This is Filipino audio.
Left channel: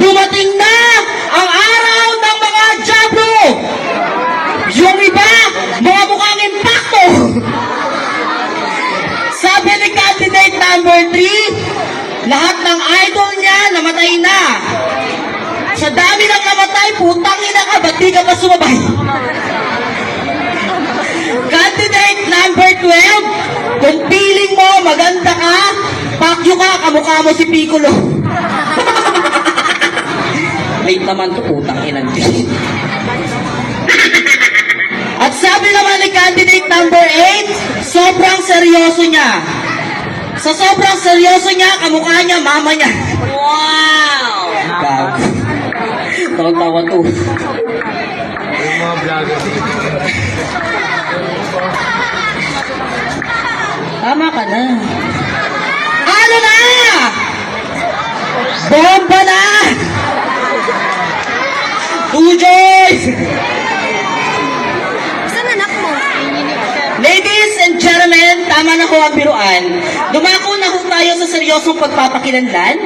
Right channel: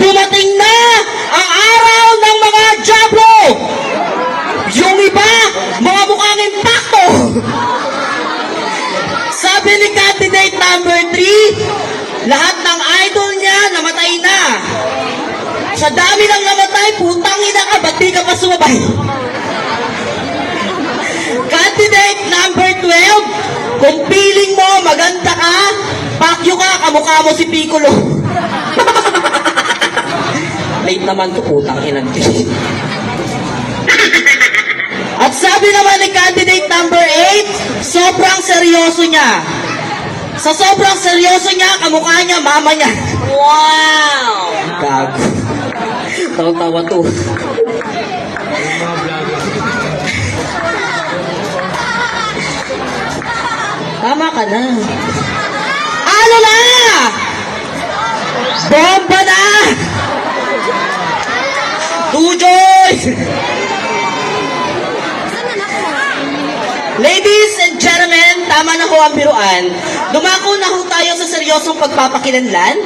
Dumating na ang araw ng mga Diablo! Yung iba, mga mukha ng impacto! Sabi ni candidate number 3, lahat ng idol niya namatay na. Sa dami ng namatay, putang ina ka, ba't di ka pa sumabay? Candidate number 12, kung feeling mo maganda ka, pakyo ka, kamukha mo si Piccolo. Late naman to, putang ina. At sabi naman ni candidate number 8, sobrang seryoso niya. Sa sobrang seryoso niya, kamukha niya, mama niya. Wow! Gago. Tawa-tawa to. Tama ka na. Ano na? Bomba na! Tujoy! Ladies and gentlemen, tama na ho ang biruan. Dumako na ho tayo sa seryosong pagpapakilanlan.